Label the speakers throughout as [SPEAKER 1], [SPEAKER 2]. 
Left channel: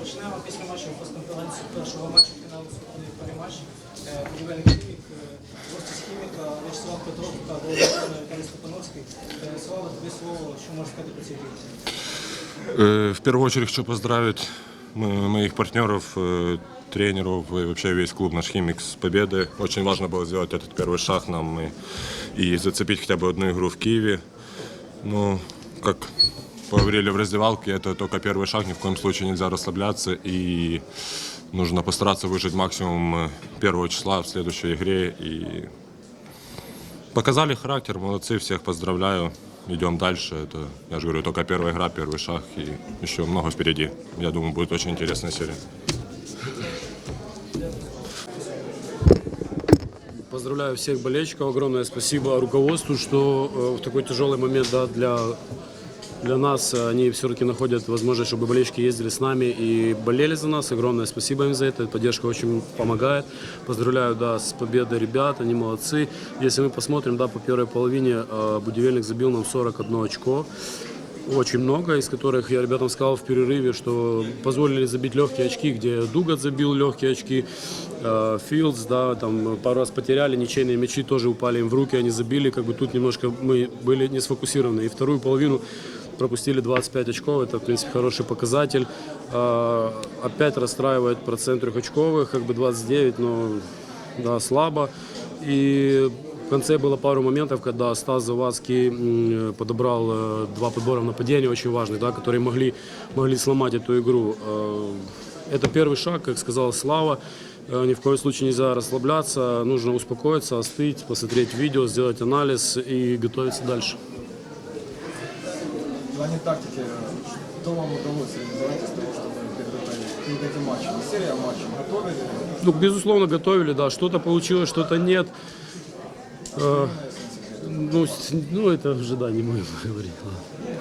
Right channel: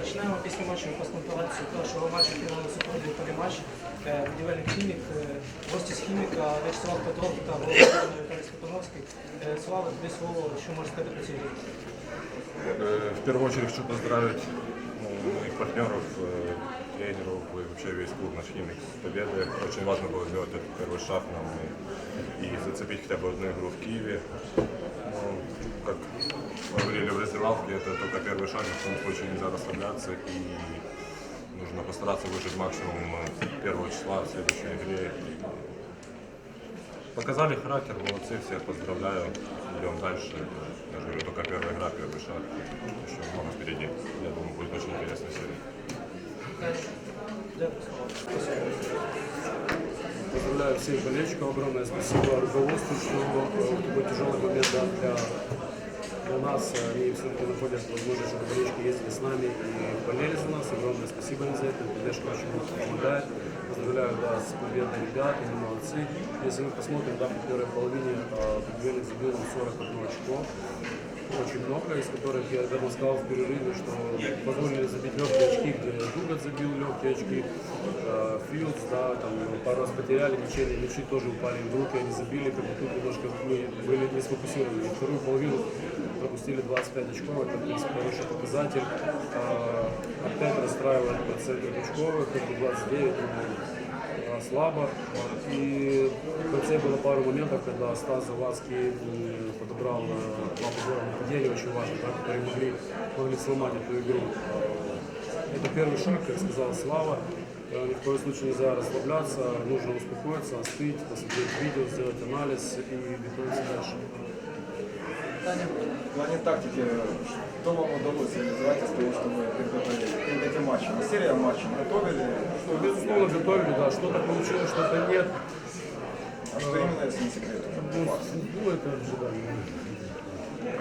[SPEAKER 1] Почнемо після матчу прес-конференцію першого матчу фіналу суперної перематч. Е, Будівельний хімік, е, гості з хіміка, Вячеслав Петров та голова Віталій Степановський. Е, Слава, тобі слово, що можеш сказати по цій грі?
[SPEAKER 2] Э, В первую очередь хочу поздравить м- моих партнеров, э, тренеров и вообще весь клуб наш «Химик» с победой. Очень важно было сделать этот первый шаг нам и, и зацепить хотя бы одну игру в Киеве. Ну, как говорили в раздевалке, это только первый шаг, ни в коем случае нельзя расслабляться и нужно постараться выжить максимум э, первого числа в следующей игре и Показали характер, молодцы, всех поздравляю. Идем дальше. Это, я же говорю, только первая игра, первый шаг и еще много впереди. Я думаю, будет очень интересная серия.
[SPEAKER 3] Поздравляю всех болельщиков. Огромное спасибо руководству, что э, в такой тяжелый момент да, для, для нас э, они все-таки находят возможность, чтобы болельщики ездили с нами и болели за нас. Огромное спасибо им за это. Поддержка очень помогает. Поздравляю да, с победой ребят, они молодцы. Если мы посмотрим, да, по первой половине э, Будивельник забил нам 41 очко. Очень много, из которых я ребятам сказал в перерыве, что позволили забить легкие очки, где Дугат забил легкие очки, э, Филдс, да, там пару раз потеряли, ничейные мячи тоже упали им в руки, они забили, как бы тут немножко мы были не сфокусированы. И вторую половину пропустили 25 очков, это, в принципе, хороший показатель. Э, опять расстраивает процент трехочковых, как бы 29, но да, слабо. И в конце было пару моментов, когда Стас Завадский подобрал э, два подбора в нападении очень важных, да, которые могли, могли сломать эту игру. Э, Это первый шаг, как сказал Слава. Э, Ни в коем случае нельзя расслабляться, нужно успокоиться, остыть, посмотреть видео, сделать анализ и готовиться дальше
[SPEAKER 4] В плане тактики, что вам удалось реализовать из того, что мы подготовили перед этим матчем? Серия матчей готовили,
[SPEAKER 3] Ну, безусловно, готовили, да, что-то получилось, что-то нет. Э,
[SPEAKER 4] именно, если не секрет.
[SPEAKER 3] ну, с- ну, это уже, да, не будем говорить. ладно.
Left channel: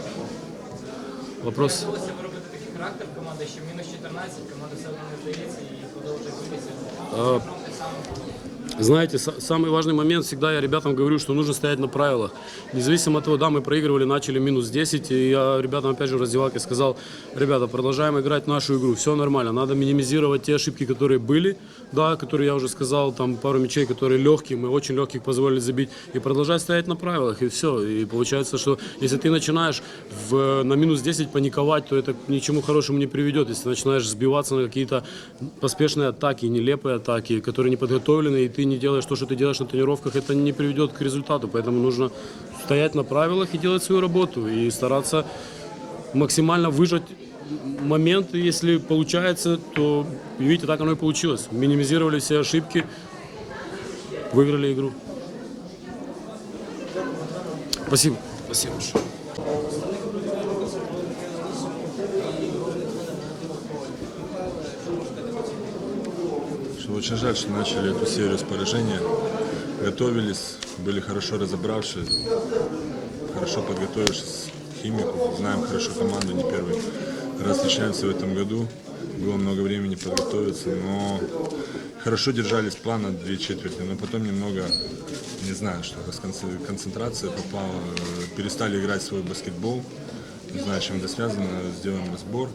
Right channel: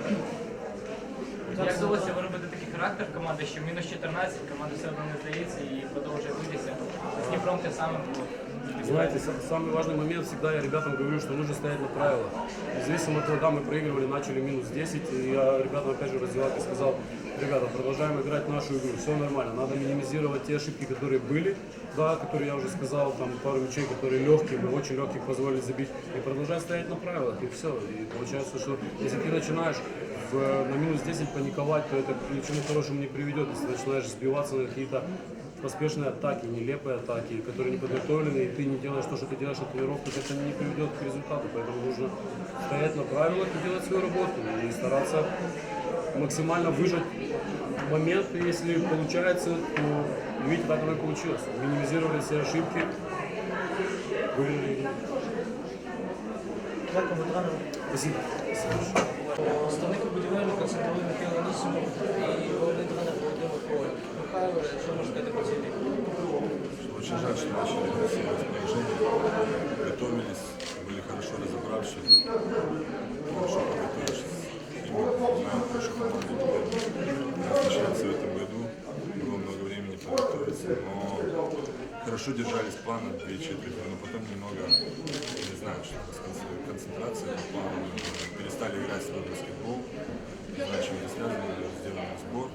[SPEAKER 3] Вопрос...
[SPEAKER 1] Вдалося виробити такий характер команди, що мінус 14, команда все одно не здається і продовжує битися. З Дніпром те саме було.
[SPEAKER 3] Знаете, са- самый важный момент, всегда я ребятам говорю, что нужно стоять на правилах. Независимо от того, да, мы проигрывали, начали минус 10, и я ребятам опять же в раздевалке сказал, ребята, продолжаем играть нашу игру, все нормально, надо минимизировать те ошибки, которые были, да, которые я уже сказал, там пару мячей, которые легкие, мы очень легких позволили забить, и продолжать стоять на правилах, и все. И получается, что если ты начинаешь в, на минус 10 паниковать, то это ни к чему хорошему не приведет. Если начинаешь сбиваться на какие-то поспешные атаки, нелепые атаки, которые не подготовлены, ты не делаешь то, что ты делаешь на тренировках, это не приведет к результату. Поэтому нужно стоять на правилах и делать свою работу, и стараться максимально выжать моменты, если получается, то видите, так оно и получилось. Минимизировали все ошибки, выиграли игру. Спасибо. Спасибо.
[SPEAKER 1] Представник будівельника це були Михайло Нісимов і головний тренер Володимир Коваль. Михайло, що можеш сказати по цій грі?
[SPEAKER 2] Что очень жаль, что начали эту серию с поражения. Готовились, были хорошо разобравшись, хорошо подготовившись к химику. Знаем хорошо команду, не первый раз встречаемся в этом году. Было много времени подготовиться, но хорошо держались плана две четверти, но потом немного, не знаю, что с конце- концентрация попала, э, перестали играть свой баскетбол. Не знаю, чем это связано, сделаем сбор,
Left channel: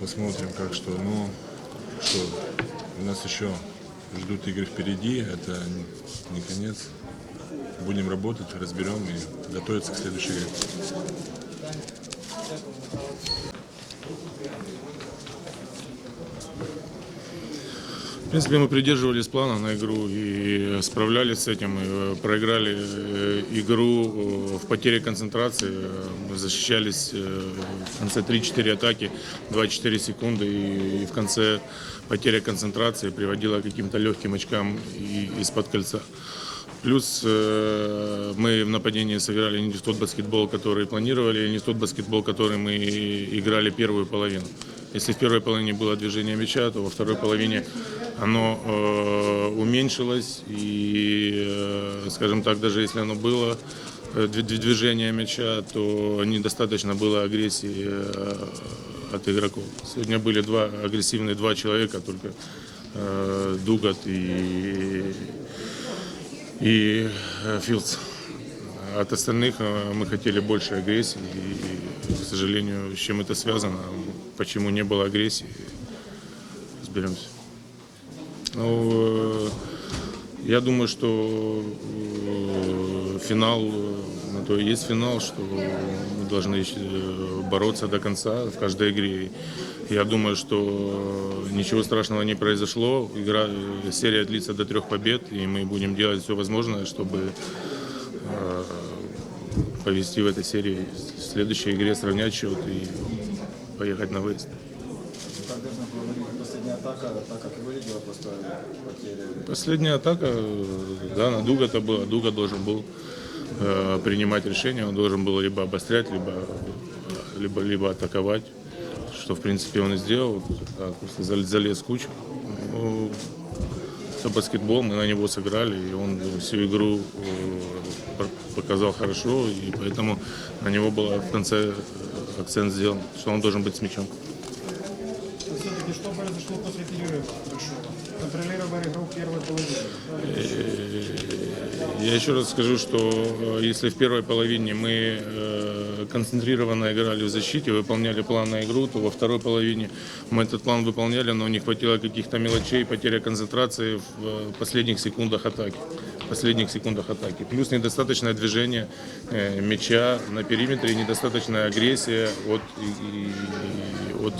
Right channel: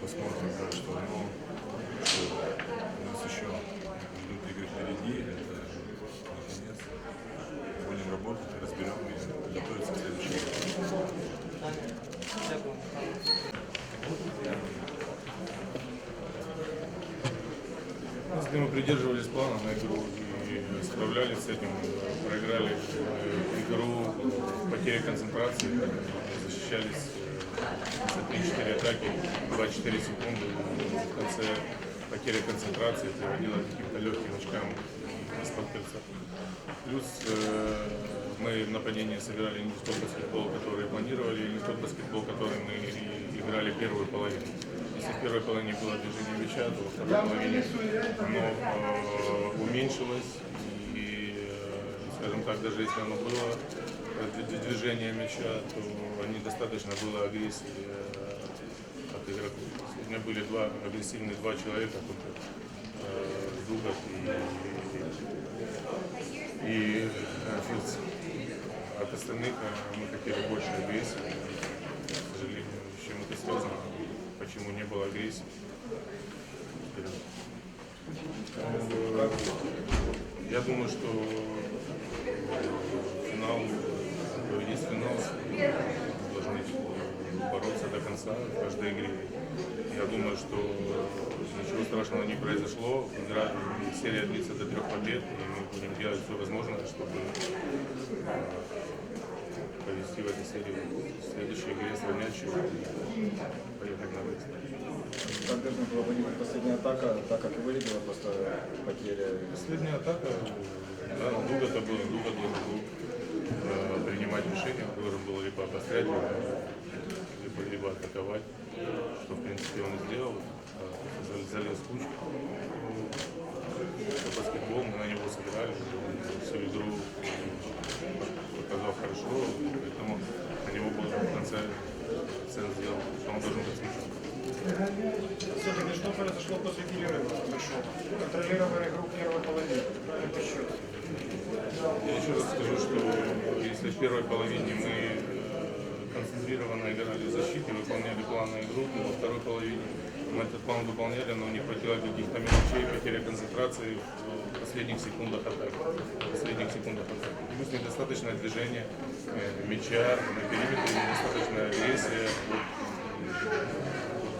[SPEAKER 2] посмотрим, как что. Но что, у нас еще ждут игры впереди, это не конец. Будем работать, разберем и готовиться к следующей игре.
[SPEAKER 5] Принципе, мы придерживались плана на игру и справлялись с этим. И, э, проиграли э, игру э, в потере концентрации. Защищались в конце 3-4 атаки, 2-4 секунды. И в конце потеря концентрации приводила к каким-то легким очкам из-под кольца. Плюс э, мы в нападении сыграли не тот баскетбол, который планировали, не тот баскетбол, который мы играли первую половину. Если в первой половине было движение мяча, то во второй половине оно э, уменьшилось. И, э, скажем так, даже если оно было э, дви- дви- движение мяча, то недостаточно было агрессии э, от игроков. Сегодня были два агрессивные два человека, только э, Дугат и и э, Филдс. От остальных э, мы хотели больше агрессии, и, к сожалению, с чем это связано, почему не было агрессии. Разберемся. Ну, э, я думаю, что э, финал, ну, то есть финал, что мы должны э, бороться до конца в каждой игре. Я думаю, что ничего страшного не произошло. Игра, серия длится до трех побед, и мы будем делать все возможное, чтобы повести в этой серии в следующей игре, сравнять счет и поехать на выезд.
[SPEAKER 4] Была последняя атака, так как и выглядела, просто потери.
[SPEAKER 5] Последняя атака, да, на Дуга это было. Дуга должен был э, принимать решение, он должен был либо обострять, либо, либо, либо атаковать, что в принципе он и сделал. Так, залез в кучу. Это баскетбол, мы на него сыграли, и он всю игру э, пок- показал хорошо, и поэтому на него был в конце акцент сделан, что он должен быть с мячом.
[SPEAKER 6] Все-таки что произошло после перерыва? Контролировали игру в первой половине.
[SPEAKER 5] Я еще раз скажу, что э, если в первой половине мы э, концентрированно играли в защите, выполняли план на игру, то во второй половине мы этот план выполняли, но не хватило каких-то мелочей, потеря концентрации в э, последних секундах атаки. Последних секундах атаки. Плюс недостаточное движение мяча на периметре, недостаточная агрессия от, и- и- от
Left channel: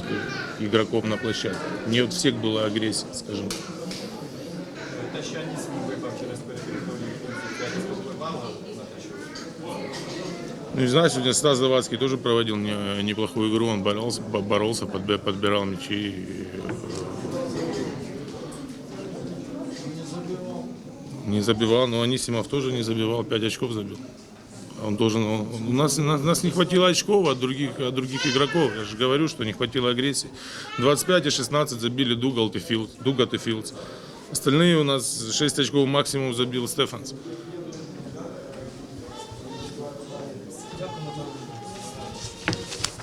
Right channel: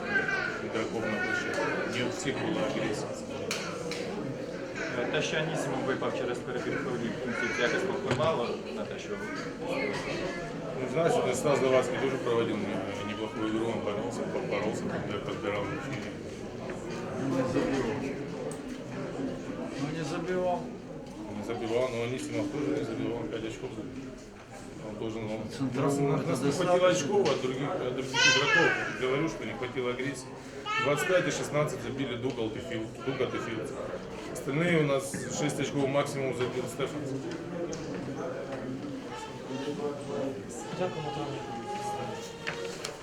[SPEAKER 5] игроков на площадке. Не от всех была агрессия, скажем. так.
[SPEAKER 7] Те, що Анісімов випав через перепідходні функції, це якось повпливало на те, що
[SPEAKER 5] Ну, не знаю, сегодня Стас Завадский тоже проводил не- неплохую игру, он боролся, бо- боролся подбе- подбирал мячи. Не забивал, но Анисимов тоже не забивал, 5 очков забил. Он должен, он- у нас, у нас не хватило очков от других, от других игроков. Я же говорю, что не хватило агрессии. 25 и 16 забили Дугалт и Филдс, Дугат и Филдс. Остальные у нас 6 очков максимум забил Стефанс.